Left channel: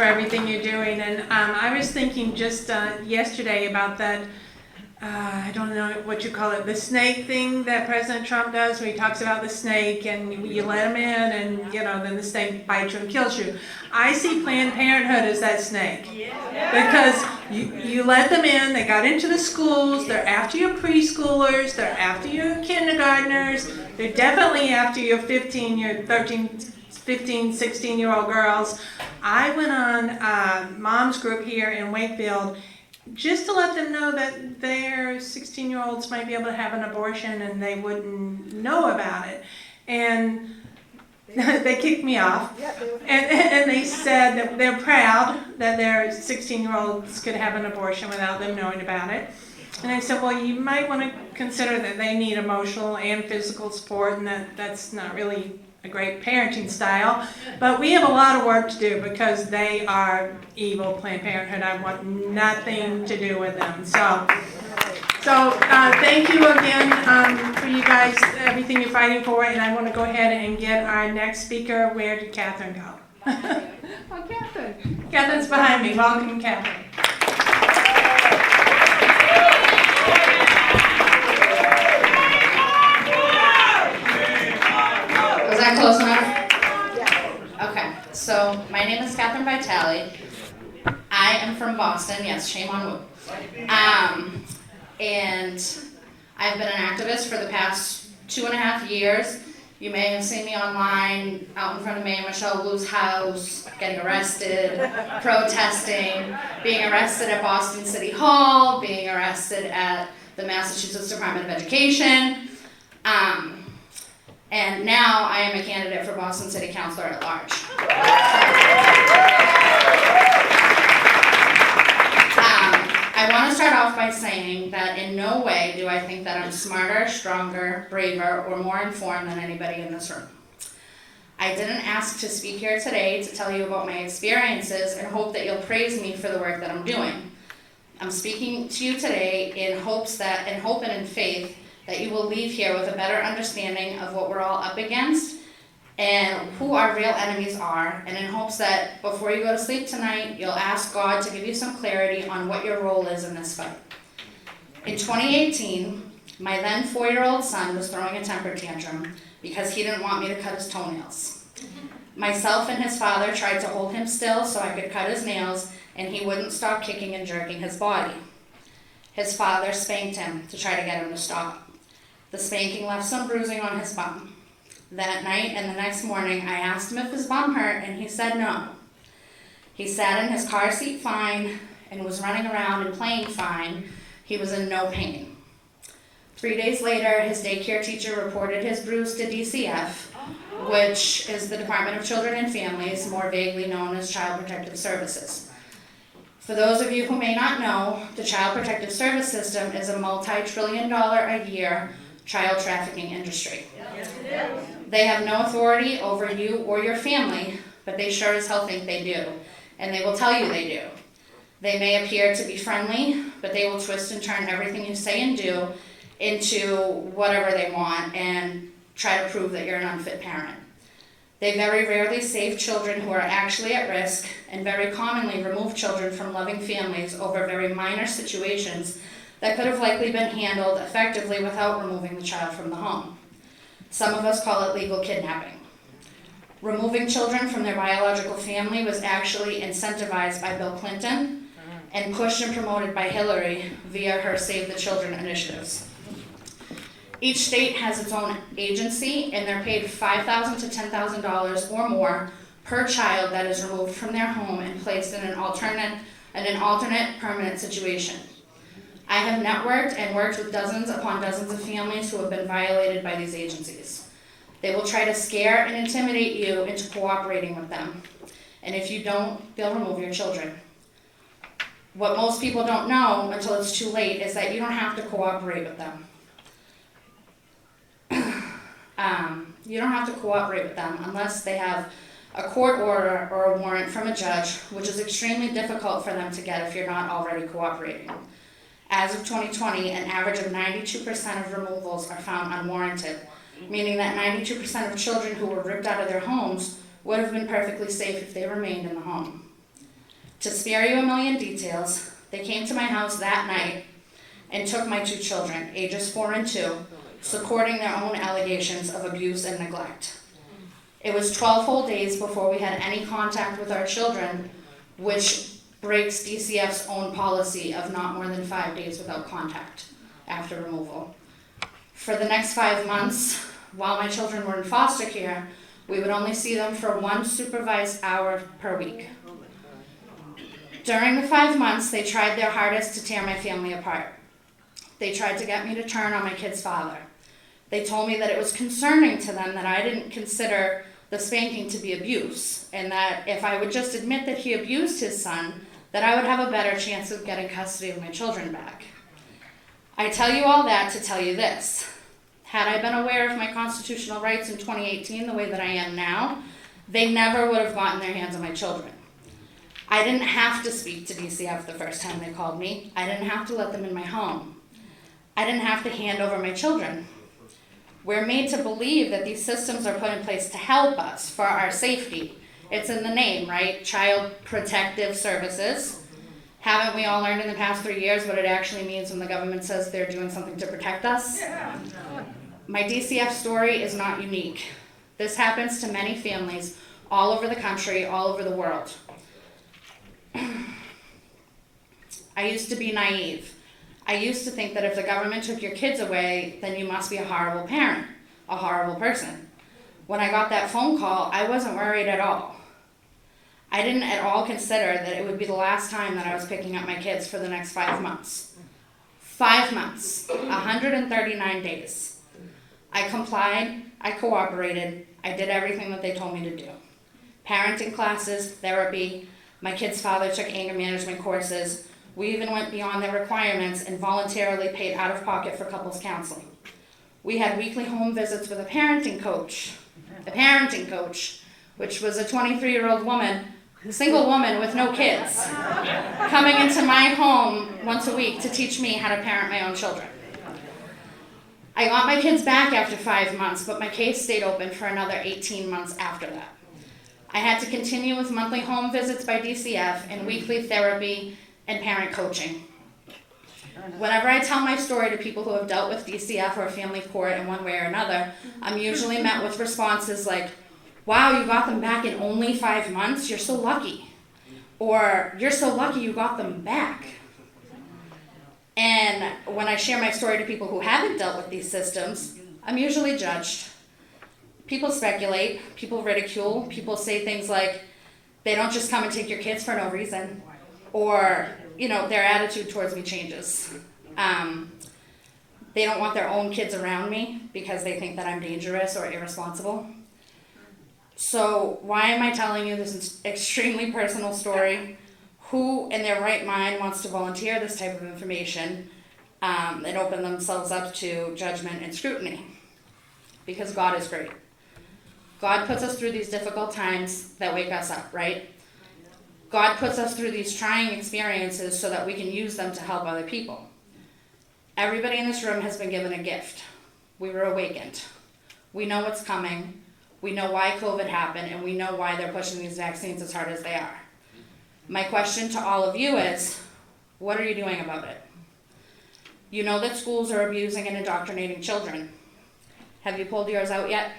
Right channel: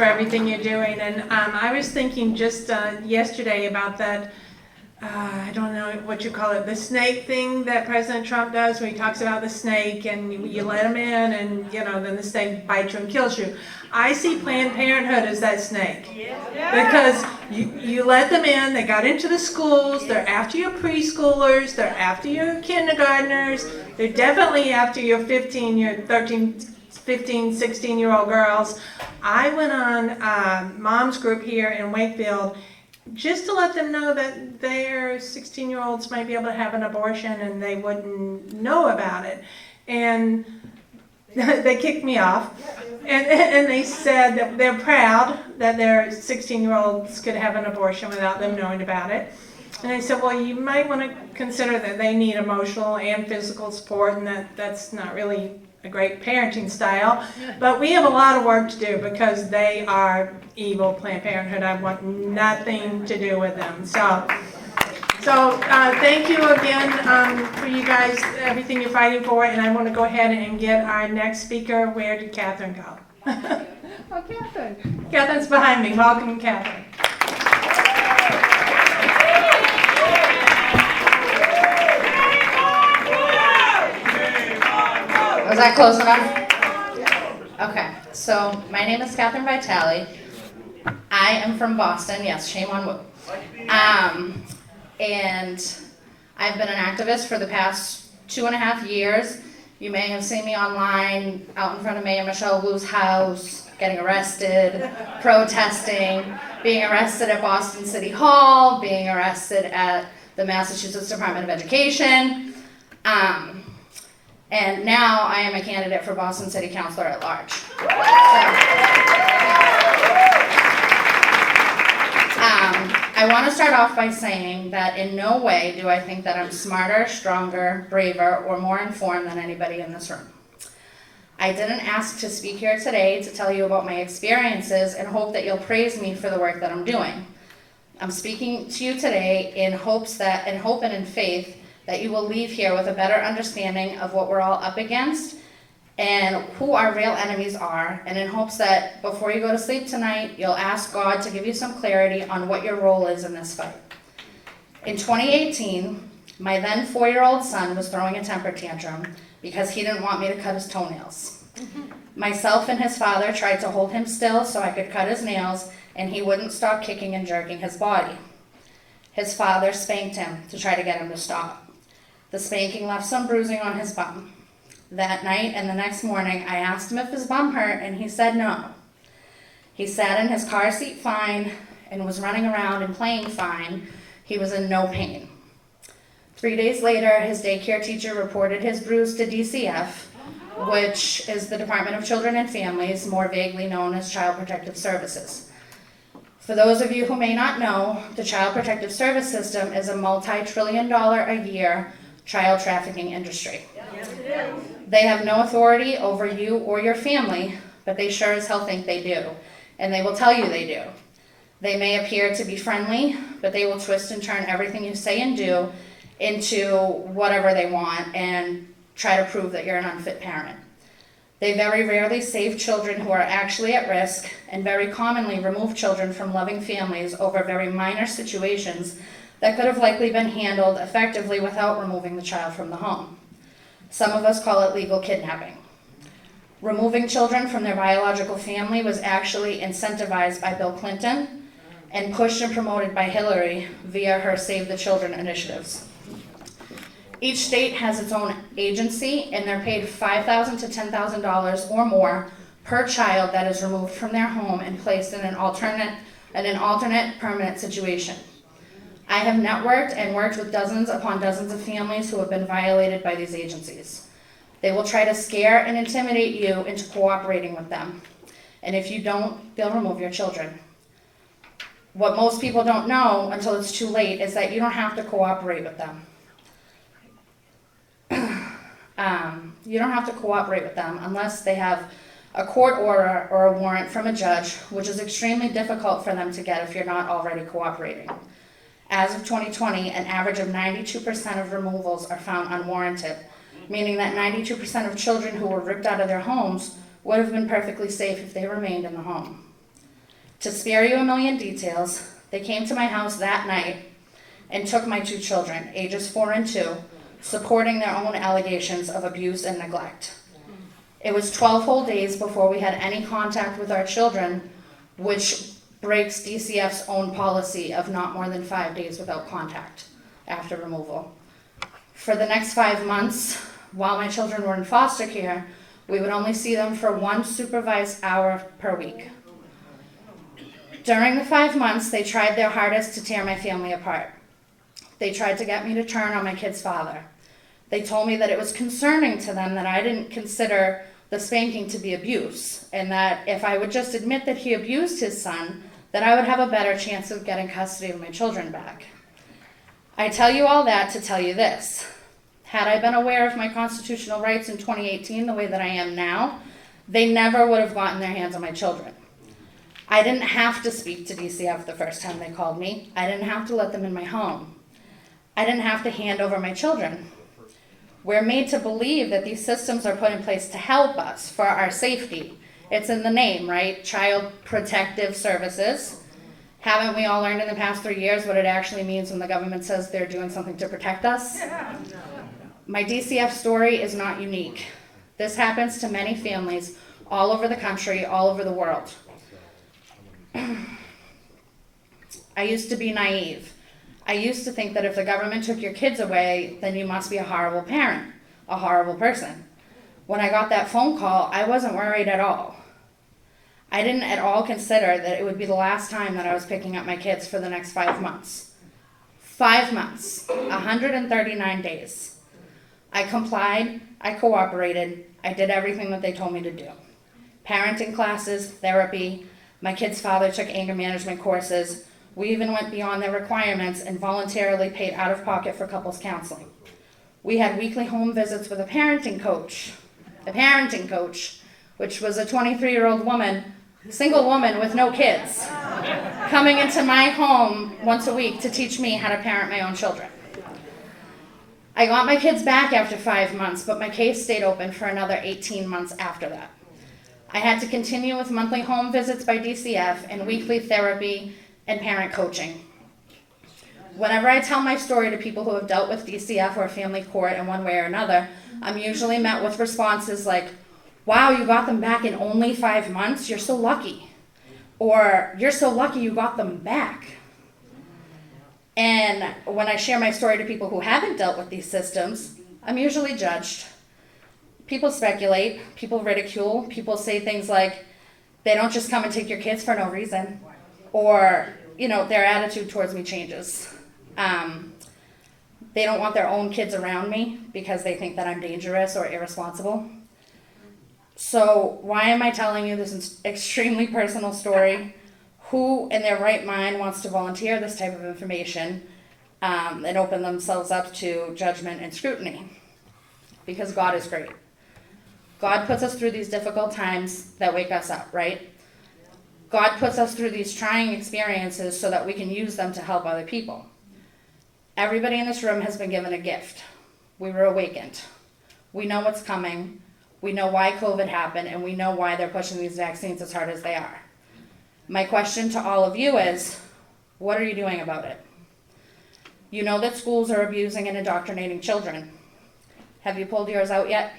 for everything you're doing. And I was thinking just yesterday about that, I don't know what you call it, the snake thing that President Trump does, where he talks about the snake and you let him in and, then the snake bites you and kills you. I see Planned Parenthood as that snake. Because you let them in, they got into the schools, they're after your preschoolers, they're after your kindergartners, they're definitely after your 13, 15, 16-year-old girls. I went on mom's group here in Wakefield just to let them know that their 16-year-olds might be able to have an abortion and they wouldn't know about it. And they kicked me off. And they said that they're proud that their 16-year-olds could have an abortion without them knowing about it. And I said, well, you might want to consider that they need emotional and physical support, and that's not really a great parenting style. But we have a lot of work to do because they are evil, Planned Parenthood. I want nothing to do with them. So thank you again for you guys, everything you're fighting for. And I want to go ahead and get our next speaker. Where did Catherine go? Oh, Catherine. Catherine's behind me. Welcome, Catherine. Was that close enough? Okay, so my name is Catherine Vitale. I am from Boston. Yes, shame on Woo. And I've been an activist for the past 2.5 years. You may have seen me online, out in front of Mayor Michelle Wu's house, getting arrested, protesting, being arrested at Boston City Hall, being arrested at the Massachusetts Department of Education. And now I am a candidate for Boston City Councilor at large. I want to start off by saying that in no way do I think that I'm smarter, stronger, braver, or more informed than anybody in this room. I didn't ask to speak here today to tell you about my experiences and hope that you'll praise me for the work that I'm doing. I'm speaking to you today in hope and in faith that you will leave here with a better understanding of what we're all up against and who our real enemies are, and in hopes that before you go to sleep tonight, you'll ask God to give you some clarity on what your role is in this fight. In 2018, my then 4-year-old son was throwing a temper tantrum because he didn't want me to cut his toenails. Myself and his father tried to hold him still so I could cut his nails, and he wouldn't stop kicking and jerking his body. His father spanked him to try to get him to stop. The spanking left some bruising on his bum. That night and the next morning, I asked him if his bum hurt, and he said no. He sat in his car seat fine and was running around and playing fine. He was in no pain. 3 days later, his daycare teacher reported his bruise to DCF, which is the Department of Children and Families, more vaguely known as Child Protective Services. For those of you who may not know, the Child Protective Service System is a multi-trillion-dollar a year child trafficking industry. They have no authority over you or your family, but they sure as hell think they do, and they will tell you they do. They may appear to be friendly, but they will twist and turn everything you say and do into whatever they want and try to prove that you're an unfit parent. They very rarely save children who are actually at risk, and very commonly remove children from loving families over very minor situations that could have likely been handled effectively without removing the child from the home. Some of us call it legal kidnapping. Removing children from their biological family was actually incentivized by Bill Clinton and pushed and promoted by Hillary via her Save the Children initiatives. Each state has its own agency, and they're paid $5,000 to $10,000 or more per child that is removed from their home and placed in an alternate permanent situation. I have networked and worked with dozens upon dozens of families who have been violated by these agencies. They will try to scare and intimidate you into cooperating with them. And if you don't, they'll remove your children. What most people don't know until it's too late is that you don't have to cooperate with them. You don't have to cooperate with them unless they have a court order or a warrant from a judge, which is extremely difficult for them to get if you're not already cooperating. As of 2020, an average of 92% of removals are found unwarranted, meaning that 92% of children who were ripped out of their homes would have been perfectly safe if they remained in the home. To spare you a million details, they came to my house that night and took my 2 children, ages 4 and 2, supporting their own allegations of abuse and neglect. It was 12 whole days before we had any contact with our children, which breaks DCF's own policy of not more than 5 days without contact after removal. For the next 5 months, while my children were in foster care, we would only see them for 1 supervised hour per week. During the 5 months, they tried their hardest to tear my family apart. They tried to get me to turn on my kid's father. They told me that it was concerning to them that I didn't consider the spanking to be abuse, and that if I would just admit that he abused his son, that I would have a better chance of getting custody of my children back. I tell you all that to tell you this. Had I been aware of my constitutional rights in 2018 the way that I am now, they never would have gotten their hands on my children. I didn't have to speak to DCF the first time they called me. I didn't have to let them in my home. I didn't have to hand over my children. We're made to believe that these systems are put in place to help us for our safety. It's in the name, right? Child Protective Services. Haven't we all learned in the past 3 years what it actually means when the government says they're doing something to protect us? My DCF story is not unique. This happens to many families all over the country, all over the world. I used to be naive. I used to think that if the government took your kids away, then you must be a horrible parent, a horrible person. When I got that phone call, I wasn't worried at all. I didn't at all consider that it would be the last time that I was picking up my kids for the next 5 months. 5 months, 139 days. I complied, I cooperated, I did everything that they told me to do. Parenting classes, therapy, my kid's father took anger management courses. We even went beyond their requirements and voluntarily paid out of pocket for couples counseling. We had weekly home visits with a parenting coach, which was a 23-year-old woman, single woman with no kids, coming into my home once a week to teach me how to parent my own children. I got my kids back after 5 months, but my case stayed open for another 18 months after that. I had to continue with monthly home visits by DCF and weekly therapy and parent coaching. Whenever I tell my story to people who have dealt with DCF or family court in one way or another, I'm usually met with responses like, "Wow, you got them back in only 5 months? You're so lucky." Or, "You're so lucky you got them back." And when I share my story to people who haven't dealt with these systems, I'm usually judged. People speculate, people ridicule, people say things like, "They don't just come and take your kids for no reason." Or, their attitude towards me changes. They don't want their own kids around me because they think that I'm dangerous or irresponsible. So why am I telling you this extremely personal story? Who in their right mind wants to volunteer this type of information and open themselves up to judgment and scrutiny? Because God is great. God puts us through these difficult times that wake us up, right? God puts us through these trying experiences so that we can use them to help other people. Everybody in this room has been given a gift. We were awakened. We know what's coming. We know why COVID happened, and we know why they're pushing these vaccines as hard as they are. My question to all of you is, what are you doing about it? You know that schools are abusing and indoctrinating children. Have you pulled yours out yet?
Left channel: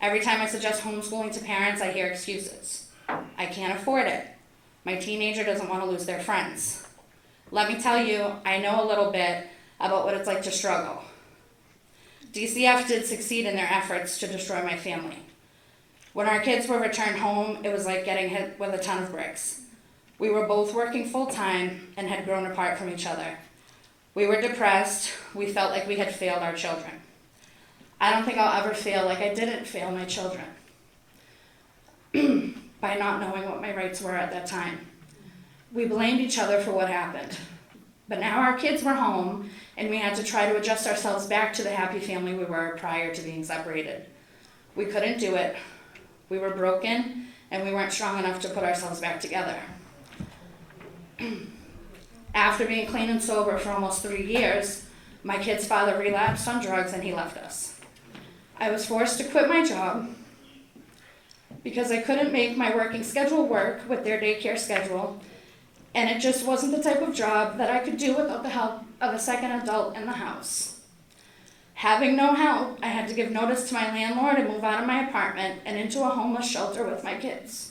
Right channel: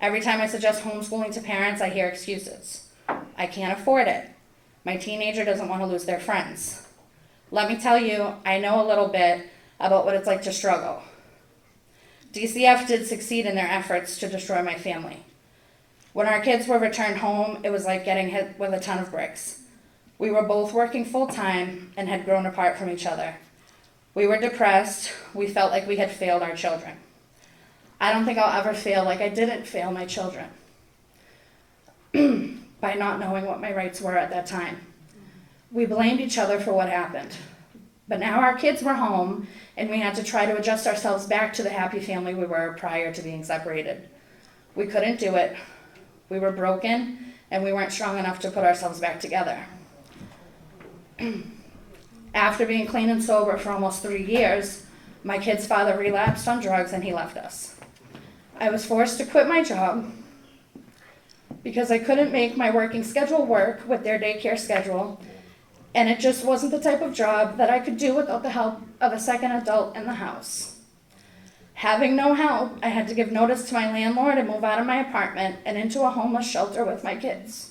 Every time I suggest homeschooling to parents, I hear excuses. I can't afford it. My teenager doesn't want to lose their friends. Let me tell you, I know a little bit about what it's like to struggle. DCF did succeed in their efforts to destroy my family. When our kids were returned home, it was like getting hit with a ton of bricks. We were both working full time and had grown apart from each other. We were depressed. We felt like we had failed our children. I don't think I'll ever feel like I didn't fail my children by not knowing what my rights were at that time. We blamed each other for what happened. But now our kids were home, and we had to try to adjust ourselves back to the happy family we were prior to being separated. We couldn't do it. We were broken, and we weren't strong enough to put ourselves back together. After being clean and sober for almost 3 years, my kid's father relapsed on drugs and he left us. I was forced to quit my job because I couldn't make my working schedule work with their daycare schedule, and it just wasn't the type of job that I could do without the help of a second adult in the house. Having no help, I had to give notice to my landlord and move out of my apartment and into a homeless shelter with my kids.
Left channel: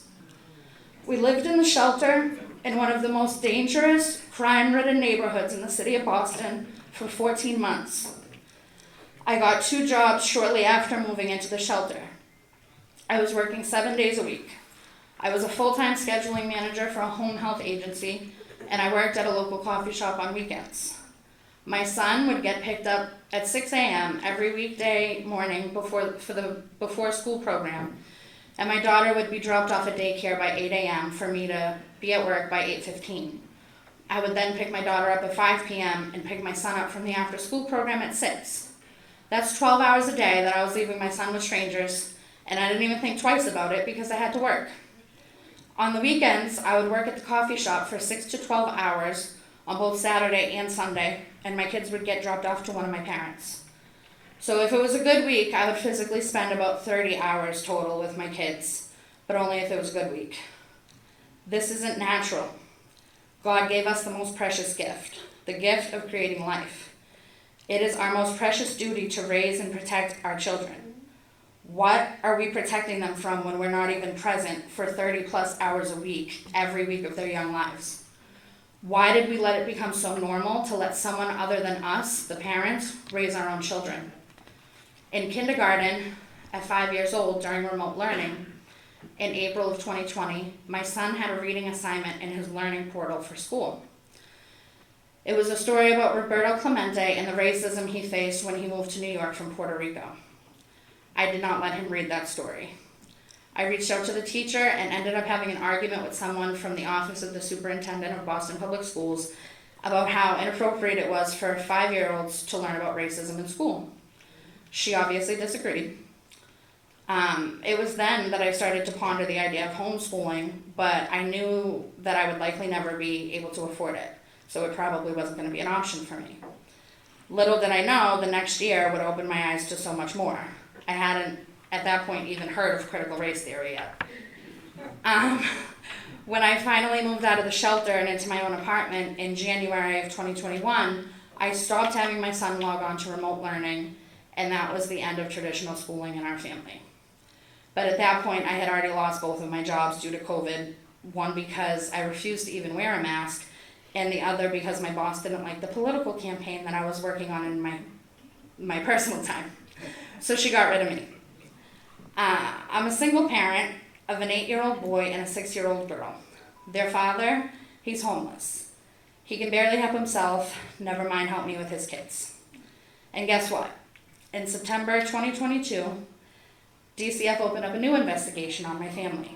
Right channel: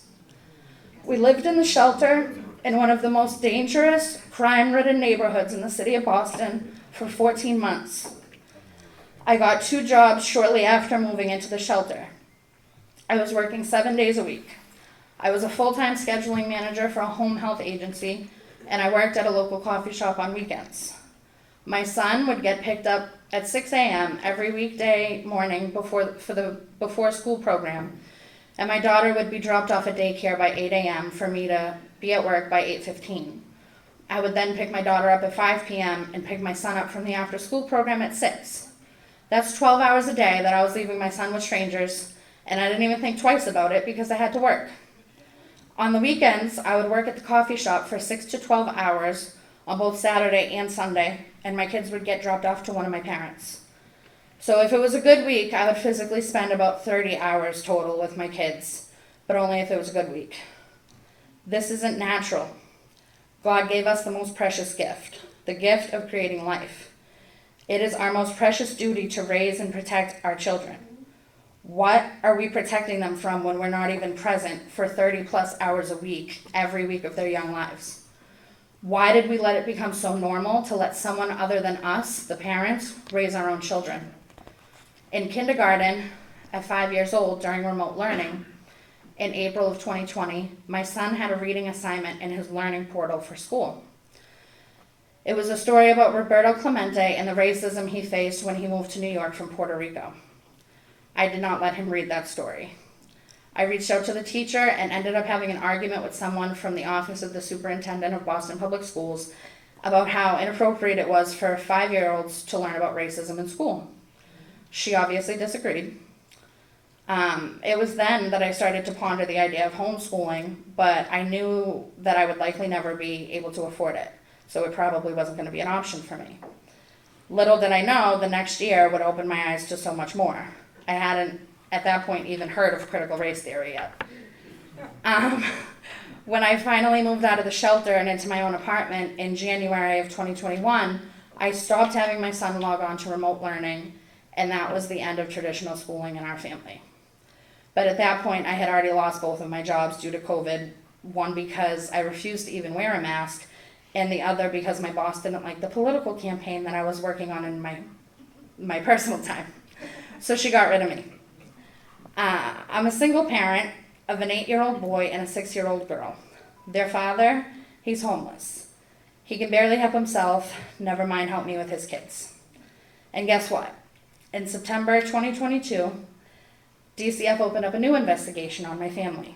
We lived in the shelter in one of the most dangerous, crime-ridden neighborhoods in the city of Boston for 14 months. I got 2 jobs shortly after moving into the shelter. I was working 7 days a week. I was a full-time scheduling manager for a home health agency, and I worked at a local coffee shop on weekends. My son would get picked up at 6 a.m. every weekday morning for the before school program, and my daughter would be dropped off at daycare by 8 a.m. for me to be at work by 8:15. I would then pick my daughter up at 5 p.m. and pick my son up from the after-school program at 6. That's 12 hours a day that I was leaving my son with strangers, and I didn't even think twice about it because I had to work. On the weekends, I would work at the coffee shop for 6 to 12 hours on both Saturday and Sunday, and my kids would get dropped off to one of my parents. So if it was a good week, I would physically spend about 30 hours total with my kids, but only if it was a good week. This isn't natural. God gave us the most precious gift, the gift of creating life. It is our most precious duty to raise and protect our children. What are we protecting them from when we're not even present for 30 plus hours a week, every week of their young lives? Why did we let it become so normal to let someone other than us, the parents, raise our own children? In kindergarten, at 5 years old during remote learning, in April of 2020, my son had a reading assignment in his learning portal for school. It was a story about Roberto Clemente and the racism he faced when he moved to New York from Puerto Rico. I did not let him read that story. I reached out to the teacher and ended up having an argument with someone from the office of the superintendent of Boston Public Schools about how inappropriate it was for 5-year-olds to learn about racism in school. She obviously disagreed. It was then that I started to ponder the idea of homeschooling, but I knew that I would likely never be able to afford it, so it probably wasn't going to be an option for me. Little did I know the next year would open my eyes to so much more. I hadn't, at that point, even heard of critical race theory yet. When I finally moved out of the shelter and into my own apartment in January of 2021, I stopped having my son log on to remote learning, and that was the end of traditional schooling in our family. But at that point, I had already lost both of my jobs due to COVID, one because I refused to even wear a mask, and the other because my boss didn't like the political campaign that I was working on in my personal time. So she got rid of me. I'm a single parent of an 8-year-old boy and a 6-year-old girl. Their father, he's homeless. He can barely help himself, never mind help me with his kids. And guess what? In September 2022, DCF opened up a new investigation on my family.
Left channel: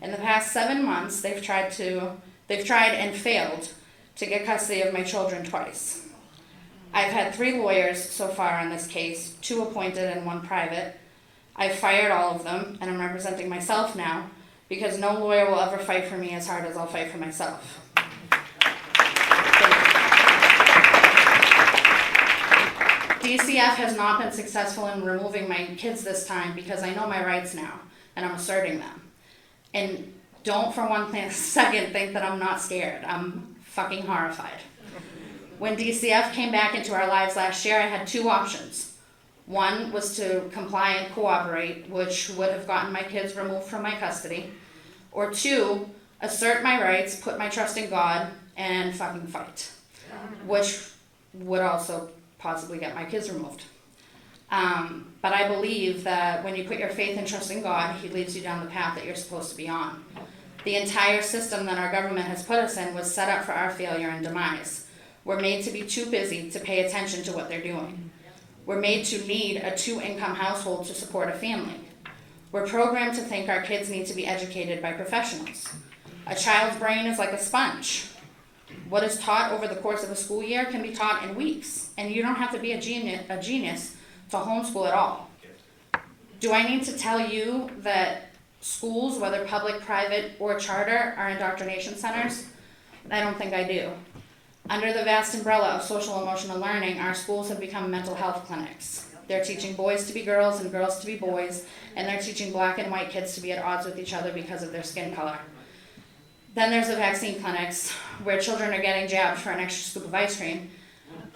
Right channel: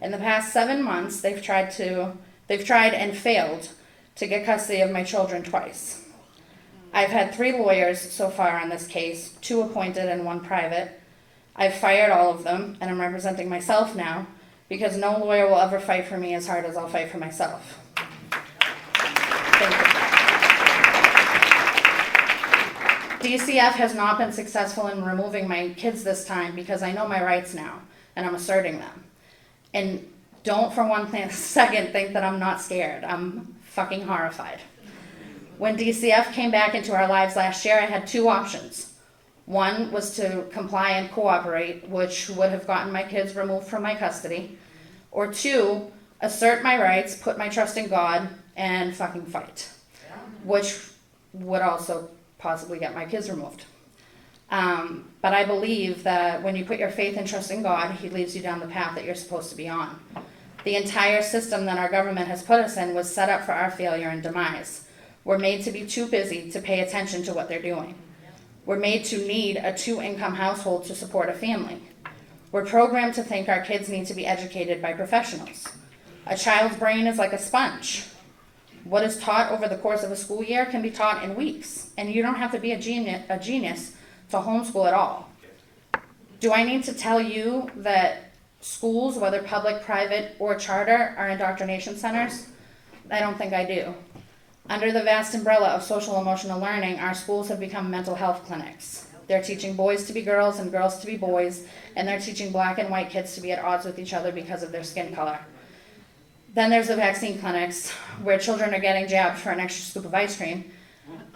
In the past 7 months, they've tried and failed to get custody of my children twice. I've had 3 lawyers so far on this case, 2 appointed and 1 private. I've fired all of them, and I'm representing myself now because no lawyer will ever fight for me as hard as I'll fight for myself. Thank you. DCF has not been successful in removing my kids this time because I know my rights now, and I'm asserting them. And don't for one second think that I'm not scared. I'm fucking horrified. When DCF came back into our lives last year, I had 2 options. One was to comply and cooperate, which would have gotten my kids removed from my custody. Or 2, assert my rights, put my trust in God, and fucking fight. Which would also possibly get my kids removed. But I believe that when you put your faith and trust in God, He leads you down the path that you're supposed to be on. The entire system that our government has put us in was set up for our failure and demise. We're made to be too busy to pay attention to what they're doing. We're made to need a 2-income household to support a family. We're programmed to think our kids need to be educated by professionals. A child's brain is like a sponge. What is taught over the course of a school year can be taught in weeks, and you don't have to be a genius to homeschool at all. Do I need to tell you that schools, whether public, private, or charter, are indoctrination centers? I don't think I do. Under the vast umbrella of social emotional learning, our schools have become mental health clinics. They're teaching boys to be girls and girls to be boys, and they're teaching black and white kids to be at odds with each other because of their skin color. Then there's the vaccine clinics where children are getting jabbed for an extra scoop of ice cream.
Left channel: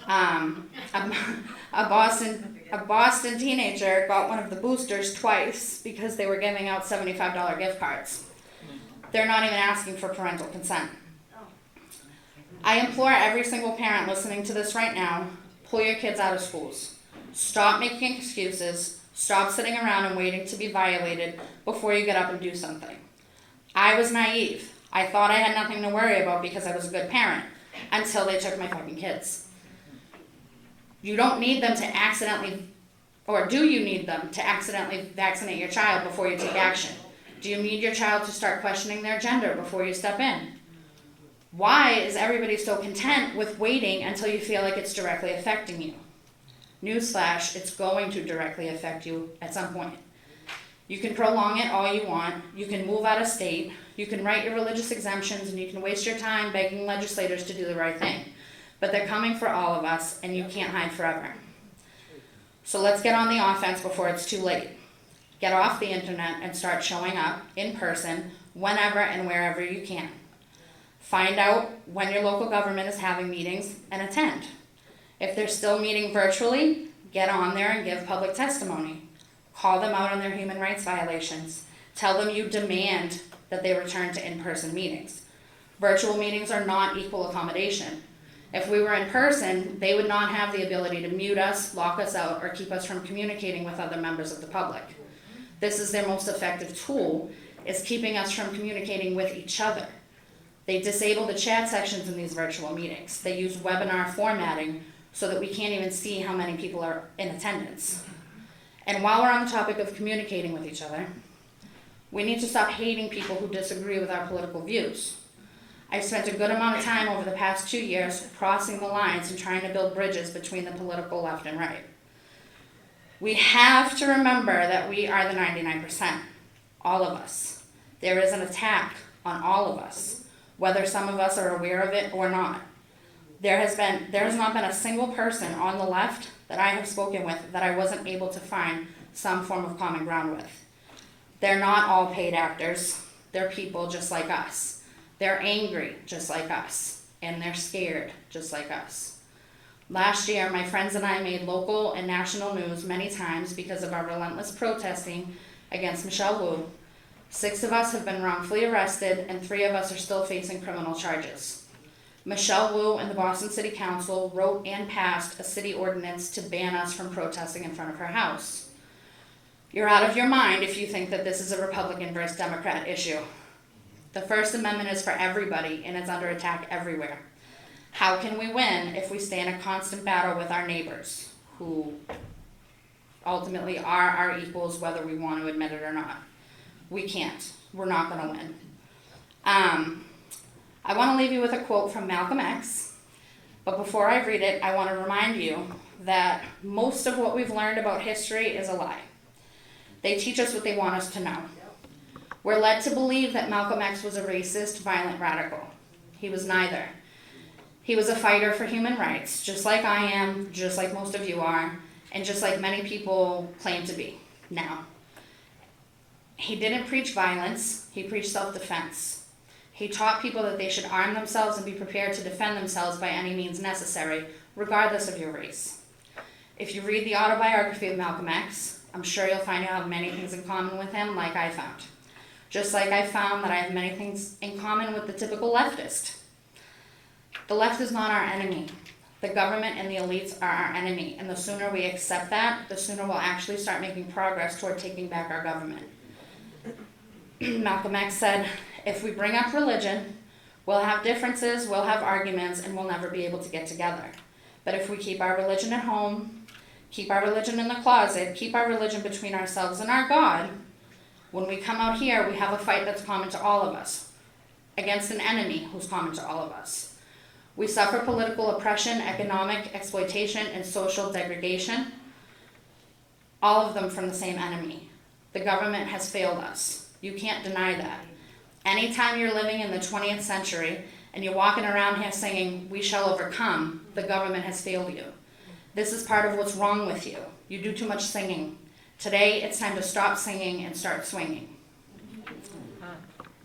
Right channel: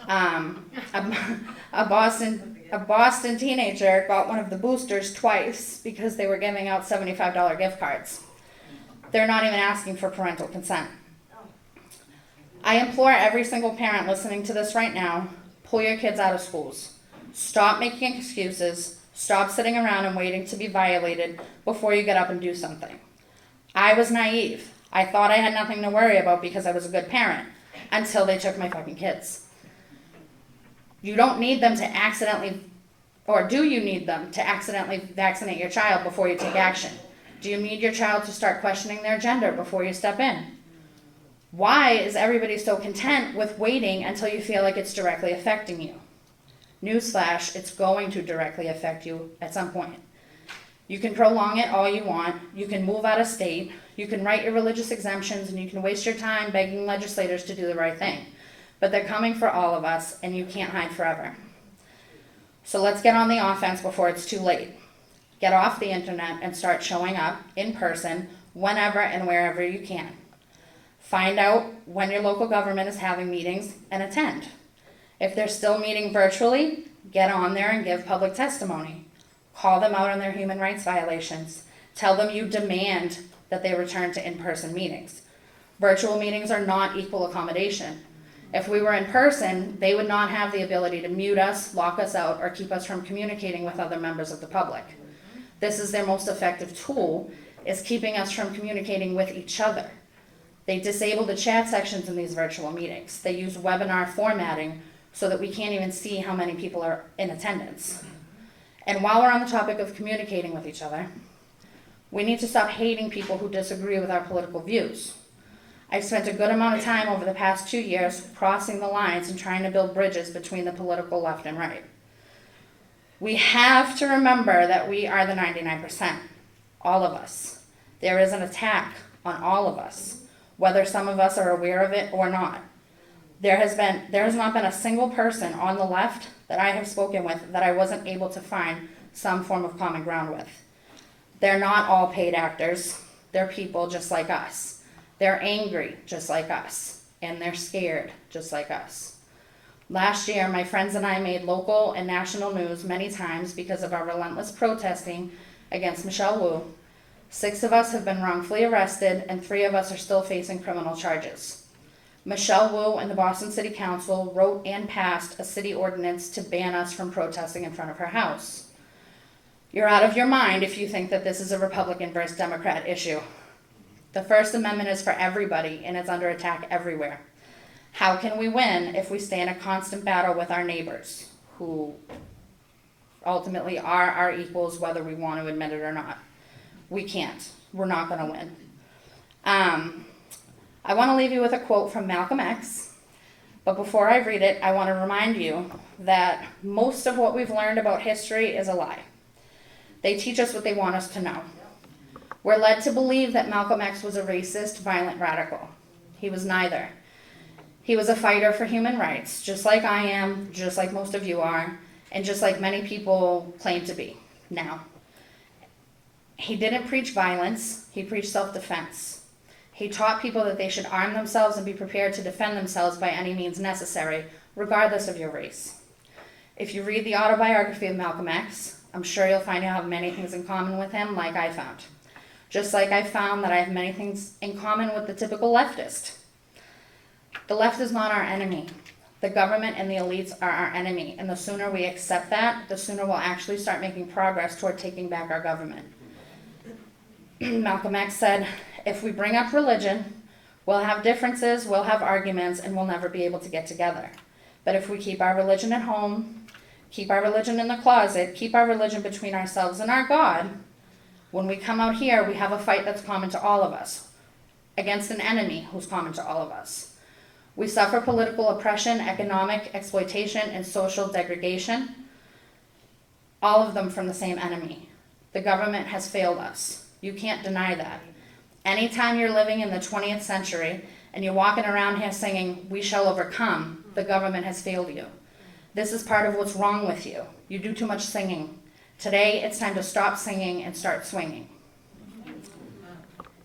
A Boston teenager got one of the boosters twice because they were giving out $75 gift cards. They're not even asking for parental consent. I implore every single parent listening to this right now, pull your kids out of schools. Stop making excuses. Stop sitting around and waiting to be violated before you get up and do something. I was naive. I thought I had nothing to worry about because I was a good parent until they took my fucking kids. You don't need them to accidentally, or do you need them to accidentally vaccinate your child before you take action? Do you need your child to start questioning their gender before you step in? Why is everybody so content with waiting until you feel like it's directly affecting you? Newsflash, it's going to directly affect you at some point. You can prolong it all you want. You can move out of state. You can write your religious exemptions, and you can waste your time begging legislators to do the right thing. But they're coming for all of us, and you can't hide forever. So let's get on the offense before it's too late. Get off the internet and start showing up in person whenever and wherever you can. Find out when your local government is having meetings and attend. If they're still meeting virtually, get on there and give public testimony. Call them out on their human rights violations. Tell them you demand that they return to in-person meetings. Virtual meetings are not equal accommodation. If we were in person, they would not have the ability to mute us, lock us out, or keep us from communicating with other members of the public. This is their most effective tool, is keeping us from communicating with each other. They disable the chat sections in these virtual meetings. They use webinar formatting so that we can't even see how many people are in attendance. And while we're on the topic of communicating with each other, we need to stop hating people who disagree with our political views. I've spent a good amount of time over the past 2 years crossing the lines and trying to build bridges between the political left and right. We have to remember that we are the 99%, all of us. There is an attack on all of us, whether some of us are aware of it or not. There has not been a single person on the left that I have spoken with that I wasn't able to find some form of common ground with. They're not all paid actors. They're people just like us. They're angry just like us, and they're scared just like us. Last year, my friends and I made local and national news many times because of our relentless protesting against Michelle Wu. 6 of us have been wrongfully arrested, and 3 of us are still facing criminal charges. Michelle Wu and the Boston City Council wrote and passed a city ordinance to ban us from protesting in front of her house. You're out of your mind if you think that this is a Republican versus Democrat issue. The First Amendment is for everybody, and it's under attack everywhere. How can we win if we stay in a constant battle with our neighbors, who ultimately are our equals whether we want to admit it or not? We can't. We're not going to win. I want to leave you with a quote from Malcolm X, but before I read it, I want to remind you that most of what we've learned about history is a lie. They teach us what they want us to know. We're led to believe that Malcolm X was a racist, violent radical. He was neither. He was a fighter for human rights, just like I am, just like most of you are, and just like many people claim to be now. He didn't preach violence, he preached self-defense. He taught people that they should arm themselves and be prepared to defend themselves by any means necessary, regardless of your race. If you read the autobiography of Malcolm X, I'm sure you'll find you have many things in common with him, like I found. Just like I found that I have many things in common with the typical leftist. The left is not our enemy. The government and the elites are our enemy, and the sooner we accept that, the sooner we'll actually start making progress toward taking back our government. Malcolm X said, if we bring up religion, we'll have differences, we'll have arguments, and we'll never be able to get together. But if we keep our religion at home, keep our religion in the closet, keep our religion between ourselves and our God, when we come out here, we have a fight that's common to all of us, against an enemy who's common to all of us. We suffer political oppression, economic exploitation, and social degradation, all of them from the same enemy. The government has failed us. You can't deny that. Anytime you're living in the 20th century and you're walking around here singing, "We shall overcome," the government has failed you. This is part of what's wrong with you. You do too much singing. Today, it's time to stop singing and start swinging.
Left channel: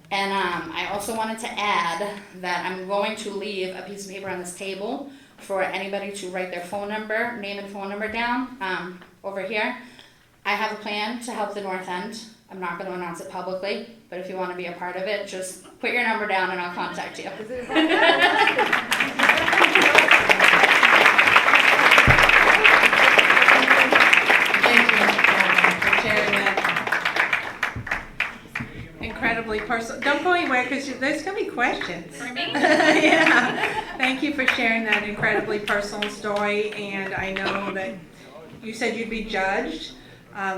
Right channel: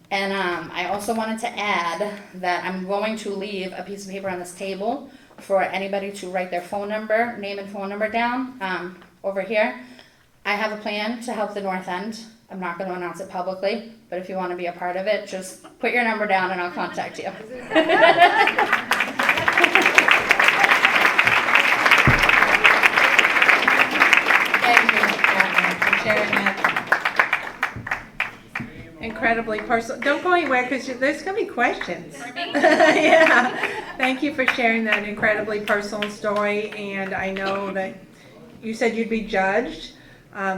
And I also wanted to add that I'm going to leave a piece of paper on this table for anybody to write their phone number, name and phone number down over here. I have a plan to help the North End. I'm not going to announce it publicly, but if you want to be a part of it, just put your number down and I'll contact you. Incredibly personal. Don't go anywhere because there's going to be questions. For me? Yeah. Thank you for sharing that incredibly personal story. And I know that you said you'd be judged.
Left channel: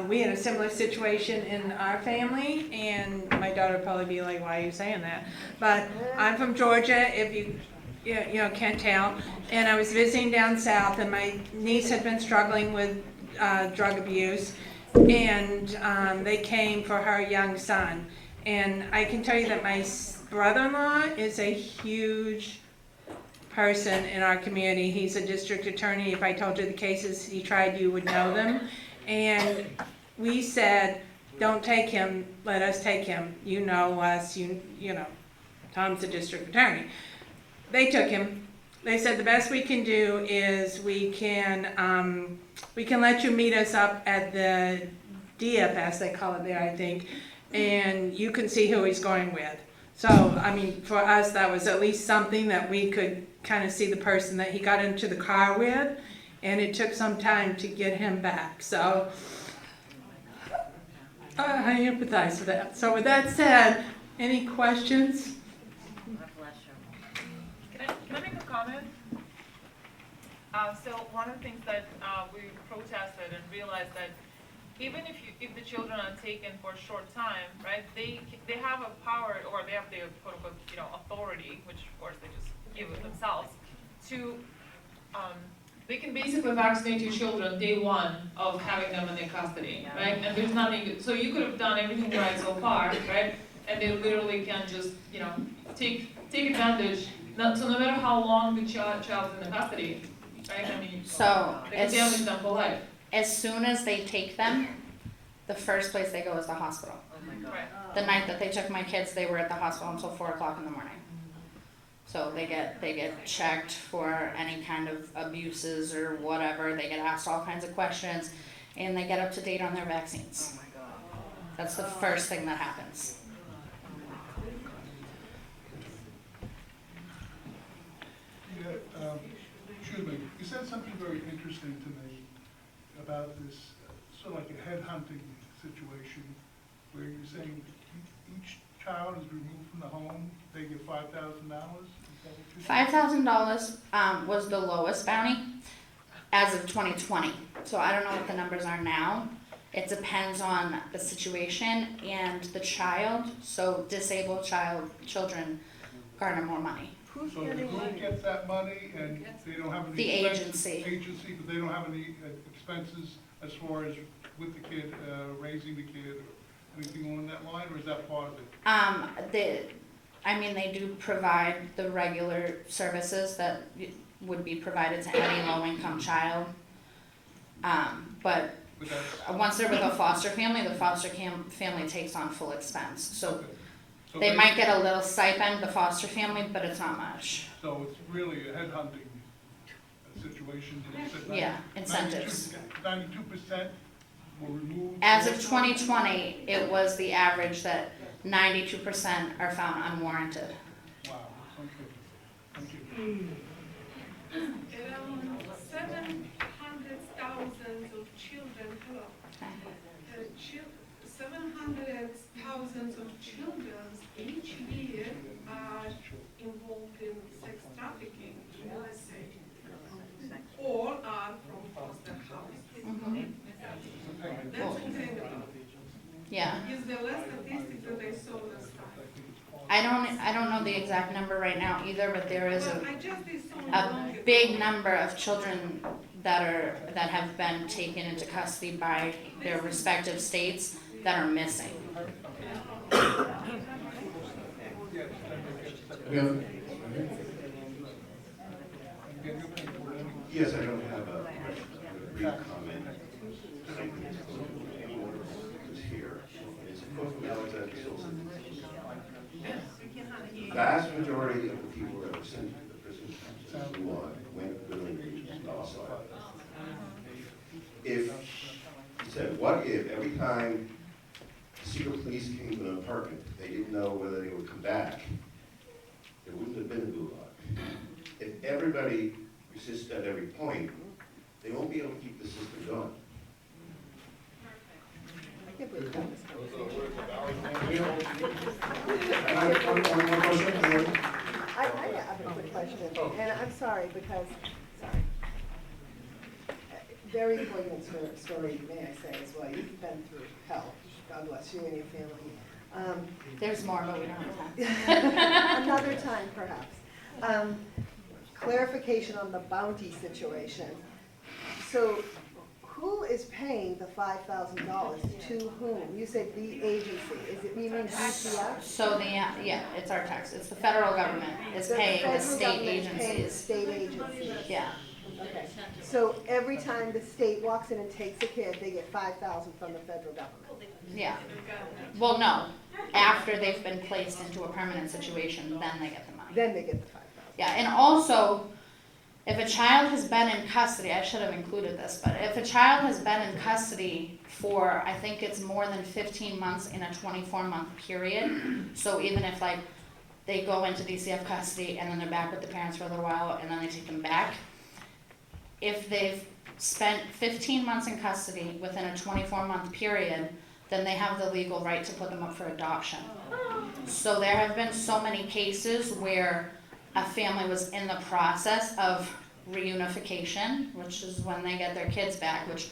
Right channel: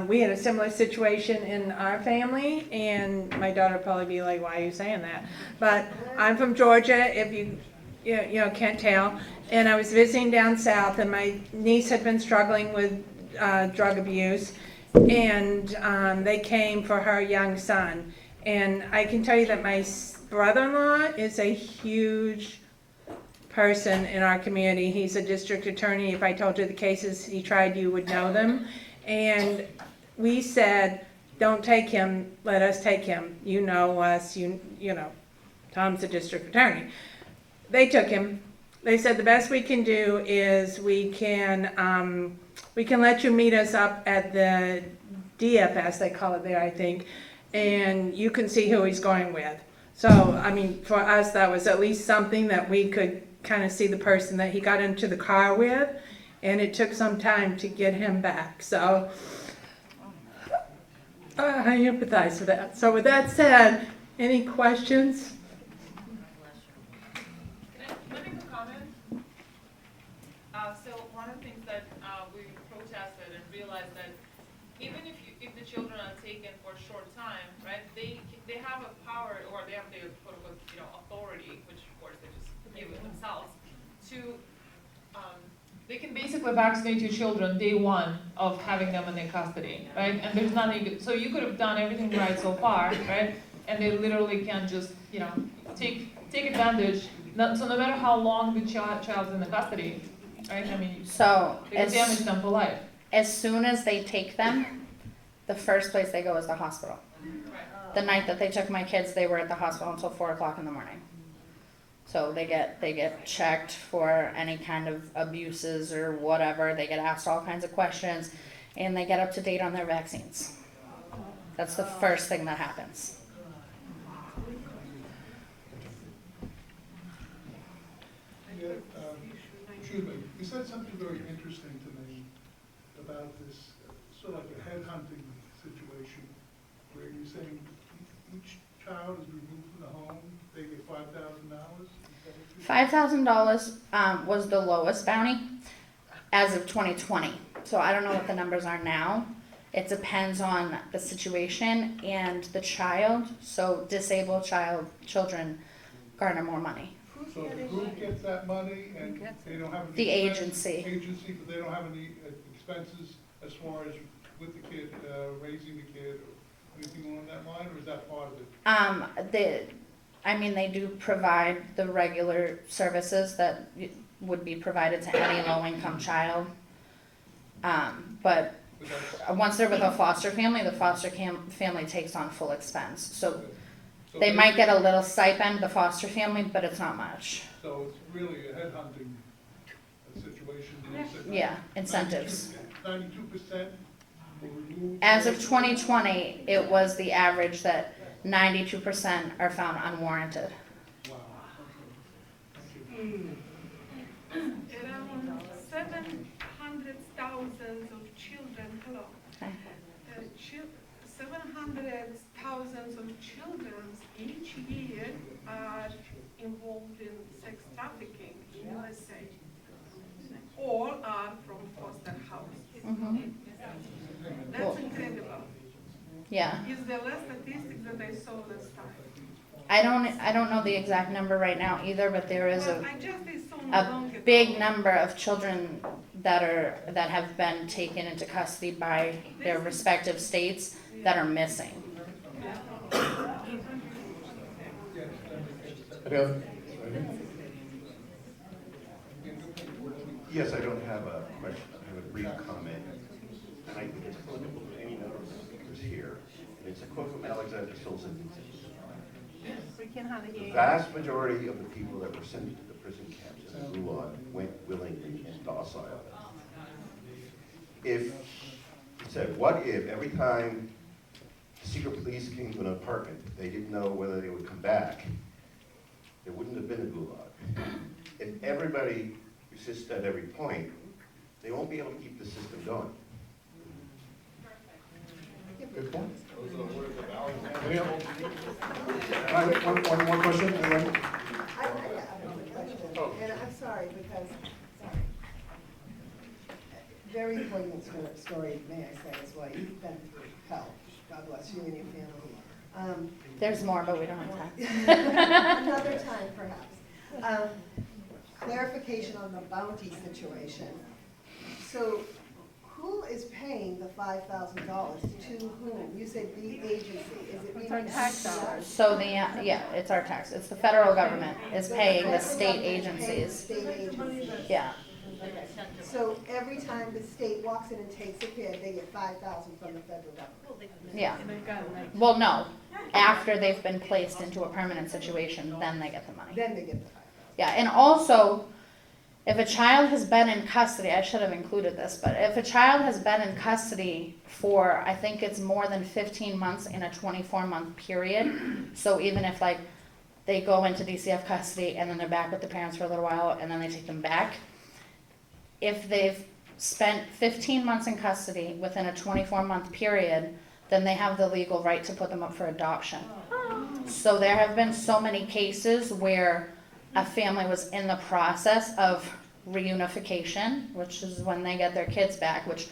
We had a similar situation in our family, and my daughter would probably be like, "Why are you saying that?" But I'm from Georgia, if you can't tell. And I was visiting down south, and my niece had been struggling with drug abuse, and they came for her young son. And I can tell you that my brother-in-law is a huge person in our community. He's a district attorney. If I told you the cases he tried, you would know them. And we said, don't take him, let us take him. You know us, you know, Tom's a district attorney. They took him. They said the best we can do is we can let you meet us up at the DFS, they call it there, I think, and you can see who he's going with. So, I mean, for us, that was at least something that we could kind of see the person that he got into the car with, and it took some time to get him back. So, I empathize with that. So with that said, any questions? Can I make a comment? So one of the things that we protested and realized that even if the children are taken for a short time, right, they have a power, or they have the quote unquote authority, which of course they just give it themselves, to they can basically vaccinate your children day one of having them in their custody, right? And there's nothing, so you could have done everything right so far, right? And they literally can just, take advantage. So no matter how long the child's in the custody, right? I mean, So they can damage them for life. as soon as they take them, the first place they go is the hospital. Right. The night that they took my kids, they were at the hospital until 4 o'clock in the morning. So they get checked for any kind of abuses or whatever. They get asked all kinds of questions, and they get up to date on their vaccines. That's the first thing that happens. Yeah, excuse me, you said something very interesting to me about this, sort of like a headhunting situation, where you're saying each child is removed from the home, they get $5,000? $5,000 was the lowest bounty as of 2020. So I don't know what the numbers are now. It depends on the situation and the child. So disabled children garner more money. So the group gets that money and they don't have any. The agency. Agency, but they don't have any expenses as far as with the kid, raising the kid, or anything along that line, or is that part of it? They do provide the regular services that would be provided to any low-income child. But once they're with a foster family, the foster family takes on full expense. So So they might get a little stipend, the foster family, but it's not much. So it's really a headhunting situation. Yeah, incentives. 92% will remove. As of 2020, it was the average that 92% are found unwarranted. Wow, thank you. Around 700,000 of children, hello. Okay. 700,000 of children each year are involved in sex trafficking in USA. All are from foster house. Mhm. That's Cool. incredible. Yeah. Is the last statistic that I saw last time? I don't know the exact number right now either, but there is Well, I just saw a long ago. big number of children that have been taken into custody by their respective states that are missing. Yes, I don't have a question, I have a brief comment. And I think it's close to any number of speakers here. It's a quote from Alexander Silson. The vast majority of the people that were sent to the prison camps in Gulag went willingly, docile. If, he said, what if every time secret police came to an apartment, they didn't know whether they would come back, there wouldn't have been a Gulag. If everybody persists at every point, they won't be able to keep the system going. Good point. Those are the words of Alexander. One more question, anyone? I have a quick question, and I'm sorry, because, very poignant story, may I say, as well. You've been through hell. God bless you and your family. There's more, but we don't have time. Another time, perhaps. Clarification on the bounty situation. So, who is paying the $5,000 to whom? You said the agency. Is it meaning DCF? So yeah, it's our tax. It's the federal government is paying the federal state government pays agencies. State agencies. Yeah. Okay. So every time the state walks in and takes a kid, they get $5,000 from the federal government. Yeah. Well, no. After they've been placed into a permanent situation, then they get the money. Then they get the $5,000. Yeah, and also, if a child has been in custody, I should have included this, but if a child has been in custody for, I think it's more than 15 months in a 24-month period, so even if like they go into DCF custody and then they're back with the parents for a little while and then they take them back, if they've spent 15 months in custody within a 24-month period, then they have the legal right to put them up for adoption. So there have been so many cases where a family was in the process of reunification, which is when they get their kids back, which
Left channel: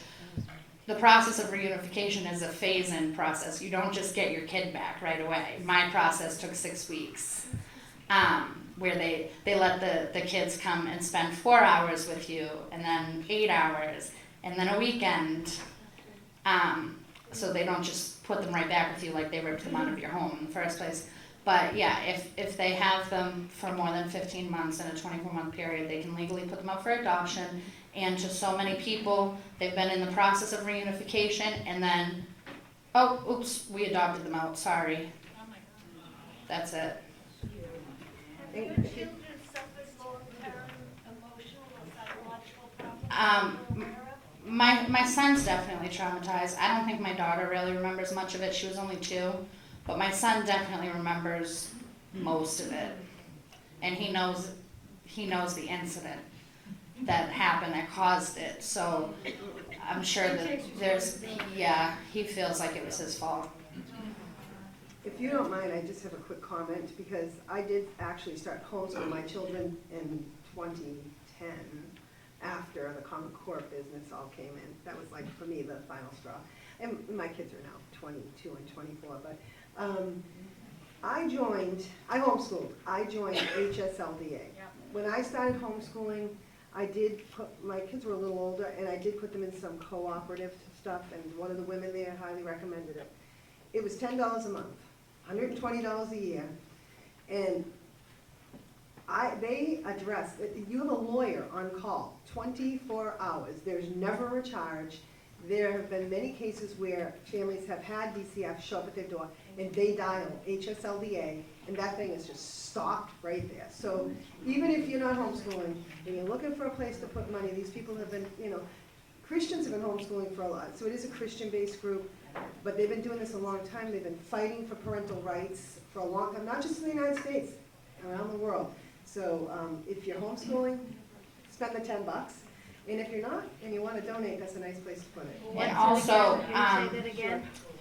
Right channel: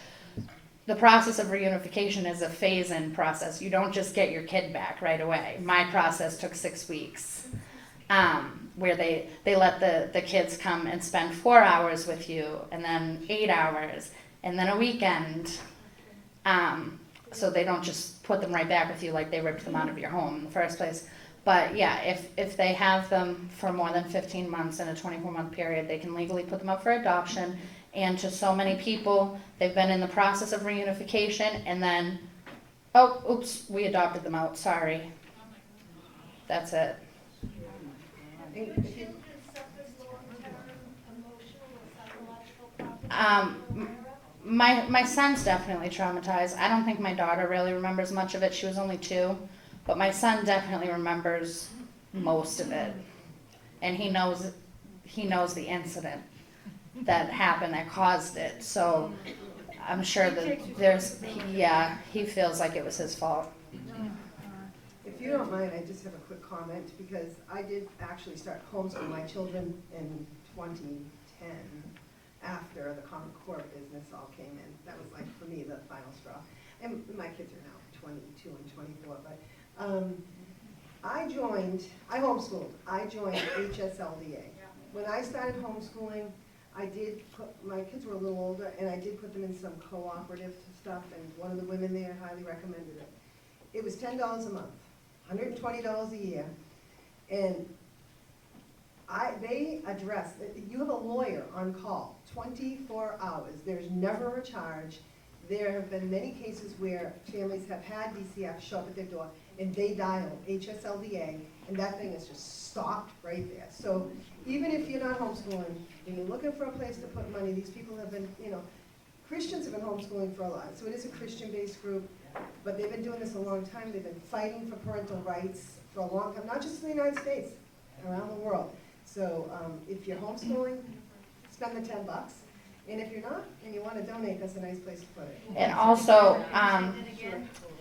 the process of reunification is a phase-in process. You don't just get your kid back right away. My process took 6 weeks, where they let the kids come and spend 4 hours with you, and then 8 hours, and then a weekend. So they don't just put them right back with you like they ripped them out of your home in the first place. But yeah, if they have them for more than 15 months in a 24-month period, they can legally put them up for adoption. And to so many people, they've been in the process of reunification, and then, oh, oops, we adopted them out, sorry. That's it. And Your children suffer long-term emotional or psychological problems? My son's definitely traumatized. I don't think my daughter really remembers much of it. She was only 2. But my son definitely remembers most of it. And he knows the incident that happened that caused it. So I'm sure that he feels like it was his fault. if you don't mind, I just have a quick comment, because I did actually start homeschooling my children in 2010, after the Common Core business all came in. That was like, for me, the final straw. And my kids are now 22 and 24, but I homeschooled. I joined HSLDA. When I started homeschooling, I did put, my kids were a little older, and I did put them in some cooperative stuff, and one of the women there highly recommended it. It was $10 a month, $120 a year, and they address, you have a lawyer on call, 24 hours. There's never a charge. There have been many cases where families have had DCF show up at their door and they dial HSLDA, and that thing is just stopped right there. So even if you're not homeschooling and you're looking for a place to put money, these people have been, Christians have been homeschooling for a lot. So it is a Christian-based group, but they've been doing this a long time. They've been fighting for parental rights for a long time, not just in the United States, around the world. So if you're homeschooling, spend the $10. And if you're not, and you want to donate, that's a nice place to put it. And also,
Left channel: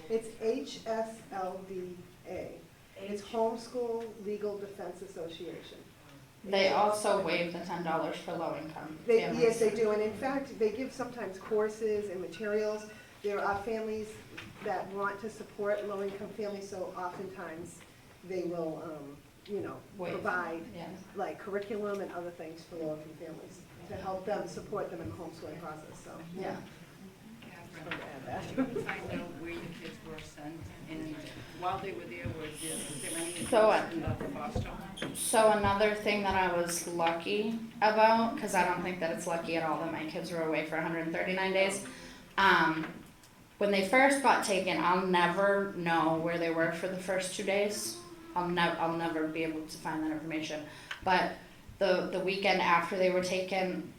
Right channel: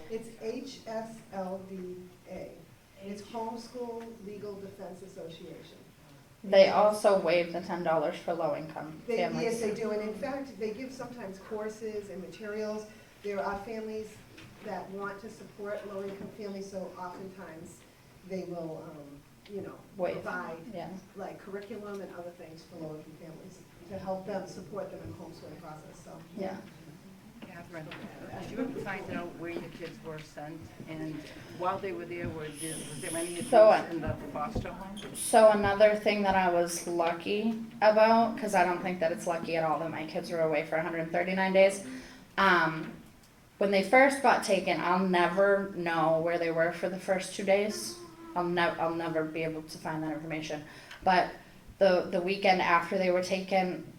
It's HSLDA. It's Homeschool Legal Defense Association. they also waive the $10 for low-income Yes, families. they do, and in fact, they give sometimes courses and materials. There are families that want to support low-income families, so oftentimes they will, Waive. provide Yeah. like curriculum and other things for low-income families to help them, support them in the homeschooling process, so. Yeah. you find out where your kids were sent, and while they were there, was there any abuse So, in the foster home? So another thing that I was lucky about, because I don't think that it's lucky at all that my kids were away for 139 days. When they first got taken, I'll never know where they were for the first 2 days. I'll never be able to find that information. But the weekend after they were taken,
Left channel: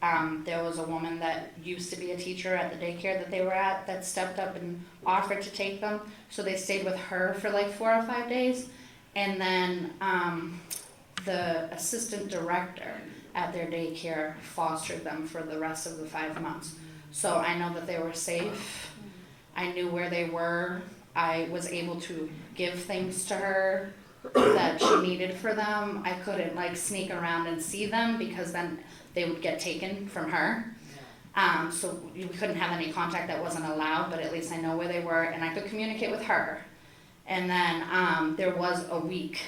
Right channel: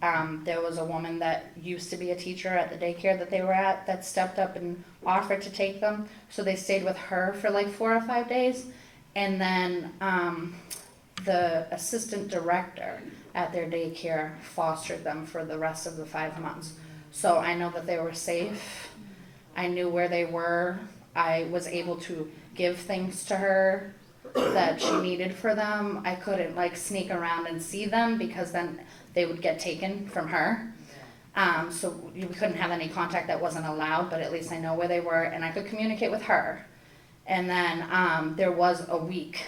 there was a woman that used to be a teacher at the daycare that they were at that stepped up and offered to take them. So they stayed with her for like 4 or 5 days. And then the assistant director at their daycare fostered them for the rest of the 5 months. So I know that they were safe. I knew where they were. I was able to give things to her that she needed for them. I couldn't like sneak around and see them because then they would get taken from her. So we couldn't have any contact that wasn't allowed, but at least I know where they were and I could communicate with her. And then there was a week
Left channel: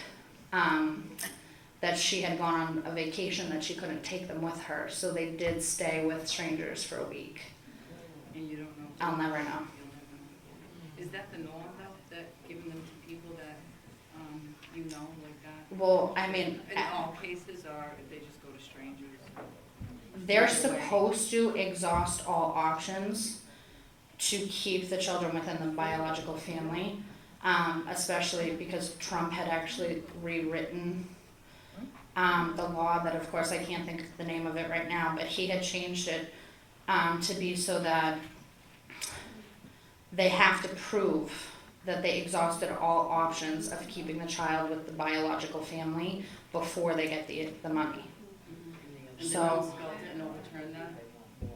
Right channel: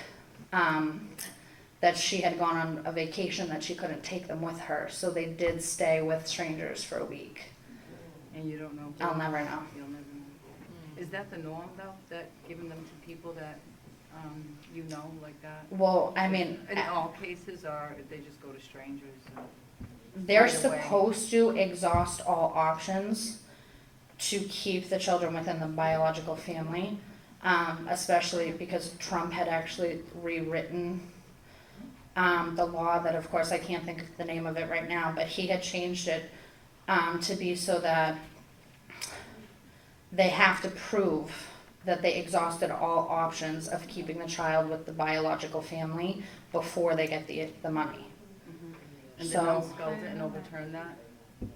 that she had gone on a vacation that she couldn't take them with her. So they did stay with strangers for a week. And you don't know? I'll never know. You'll never know. Is that the norm though, that giving them to people that, you know, like that? Well, I mean, In all cases, or if they just go to strangers? they're Right away. supposed to exhaust all options to keep the children within the biological family, especially because Trump had actually rewritten the law that, of course, I can't think of the name of it right now, but he had changed it to be so that they have to prove that they exhausted all options of keeping the child with the biological family before they get the money. And So- the House didn't overturn that?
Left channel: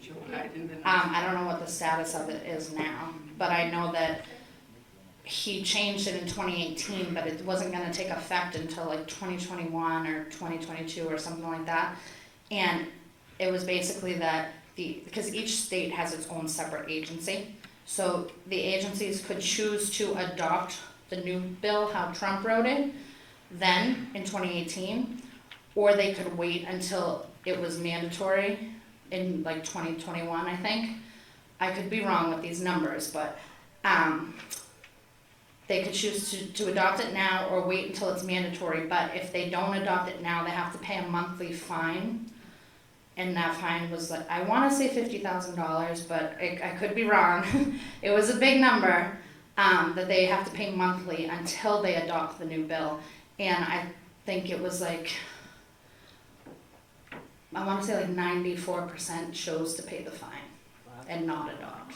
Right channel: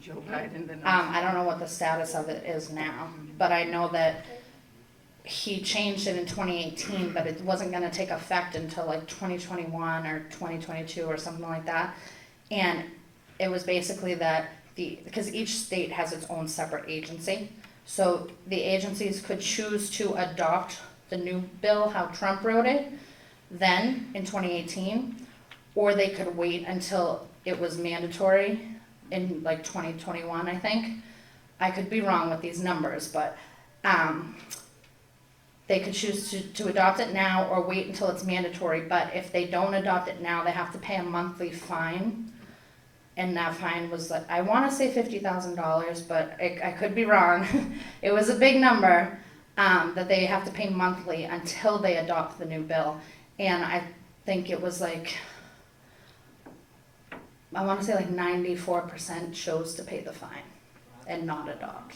Joe Biden didn't? I don't know what the status of it is now, but I know that he changed it in 2018, but it wasn't gonna take effect until like 2021 or 2022 or something like that. And it was basically that because each state has its own separate agency, so the agencies could choose to adopt the new bill, how Trump wrote it, then in 2018, or they could wait until it was mandatory in like 2021, I think. I could be wrong with these numbers, but they could choose to adopt it now or wait until it's mandatory. But if they don't adopt it now, they have to pay a monthly fine. And that fine was like, I want to say $50,000, but I could be wrong. It was a big number that they have to pay monthly until they adopt the new bill. And I think it was like, I want to say like 94% chose to pay the fine and not adopt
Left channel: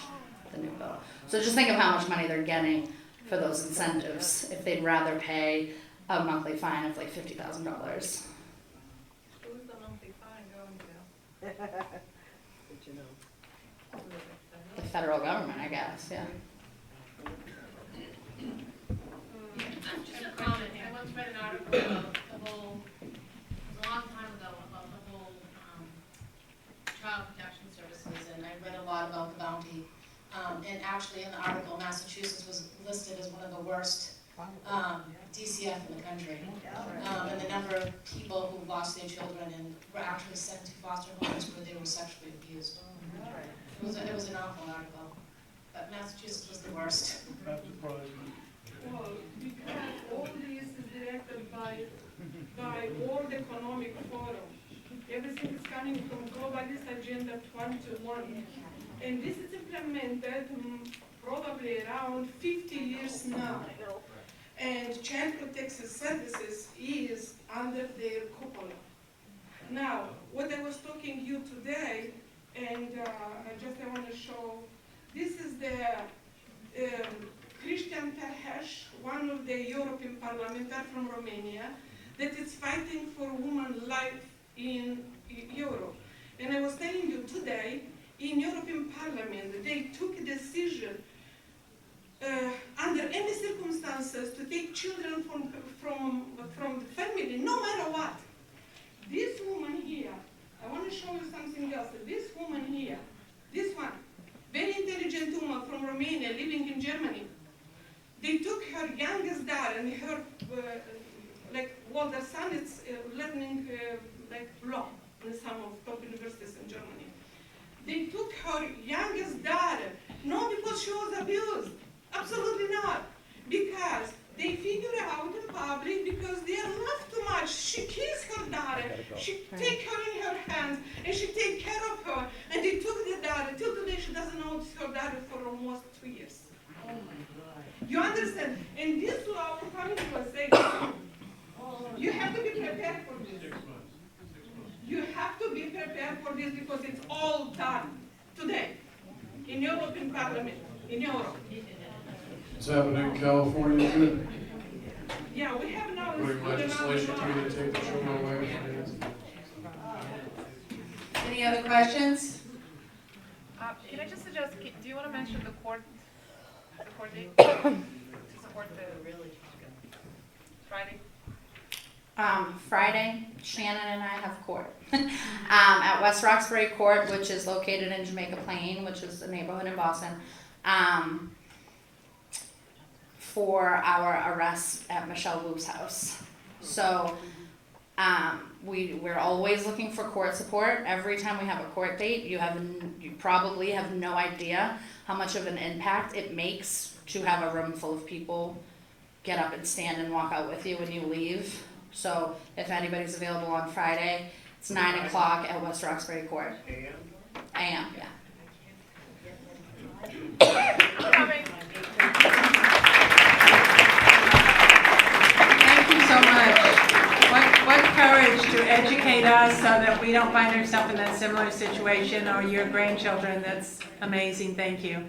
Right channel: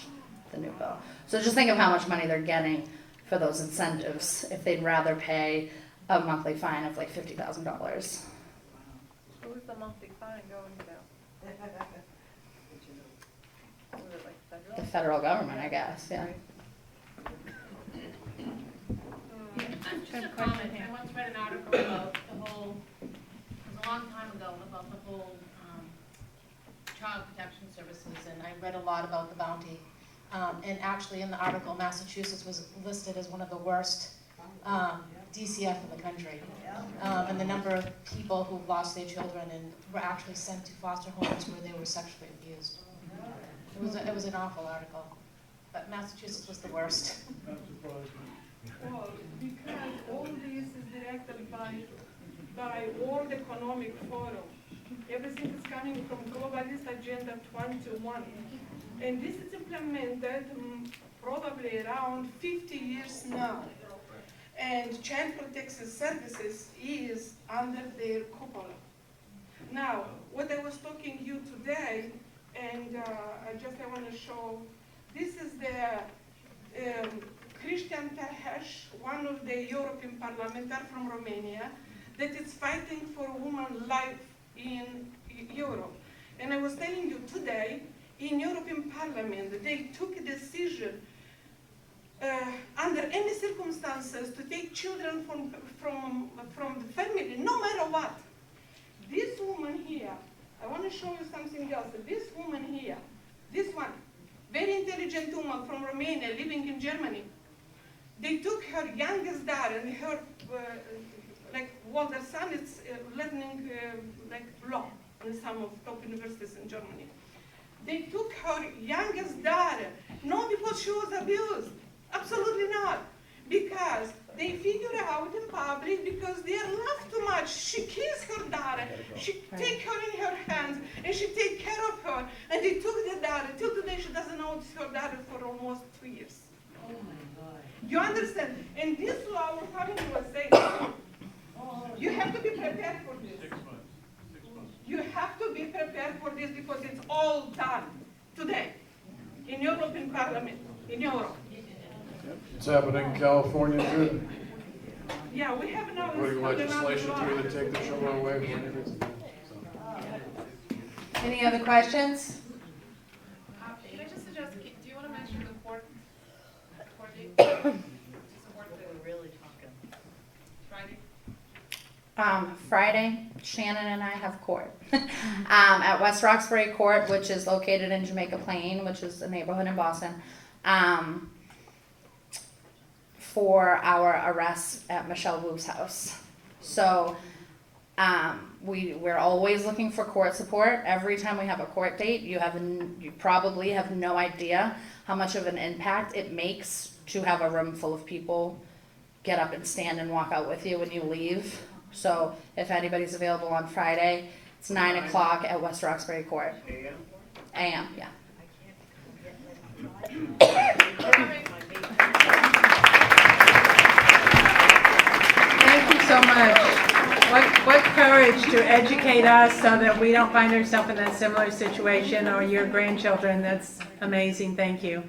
the new bill. So just think of how much money they're getting for those incentives if they'd rather pay a monthly fine of like $50,000. Who's the monthly fine going to? But you know. Who is it, like, The federal government, I guess, yeah. Just a comment, I once read an article about the whole, it was a long time ago, about the whole, child protection services, and I read a lot about the bounty. And actually in the article, Massachusetts was listed as one of the worst, DCF in the country. And the number of people who lost their children and were actually sent to foster homes where they were sexually abused. It was an awful article, but Massachusetts was the worst. Not surprising. Well, because all this is directed by World Economic Forum. Everything is coming from Globalist Agenda 21. And this is implemented probably around 50 years now. And Child Protection Services is under their cupola. Now, what I was talking to you today, and I want to show, this is the Christian Tahesh, one of the European parliamentarians from Romania, that is fighting for women's life in Europe. And I was telling you today, in European Parliament, they took a decision under any circumstances to take children from the family, no matter what. This woman here, I want to show you something else. This woman here, this one, very intelligent woman from Romania living in Germany. They took her youngest daughter and her, the son is learning law in some of top universities in Germany. They took her youngest daughter she was abused. Absolutely not. Because they figure out in public because they love too much. She kissed her daughter. She take her in her hands and she take care of her. And they took the daughter. Till today she doesn't know her daughter for almost 2 years. Oh my God. You understand? And this our family was saying, you have to be prepared for this. 6 months. 6 months. You have to be prepared for this because it's all done today in European Parliament, in Europe. It's happening in California too. Yeah, we have now. Putting legislation through to take the children away. Any other questions? Can I just suggest, do you wanna mention the court date? To support the Really talking. Friday? Friday, Shannon and I have court. At West Roxbury Court, which is located in Jamaica Plain, which is a neighborhood in Boston. For our arrest at Michelle Wu's house. So, we're always looking for court support. Every time we have a court date, you probably have no idea how much of an impact it makes to have a room full of people get up and stand and walk out with you when you leave. So, if anybody's available on Friday, it's 9 o'clock at West Roxbury Court. AM, yeah. Thank you so much. What courage to educate us so that we don't find ourselves in that similar situation or your grandchildren. That's amazing. Thank you.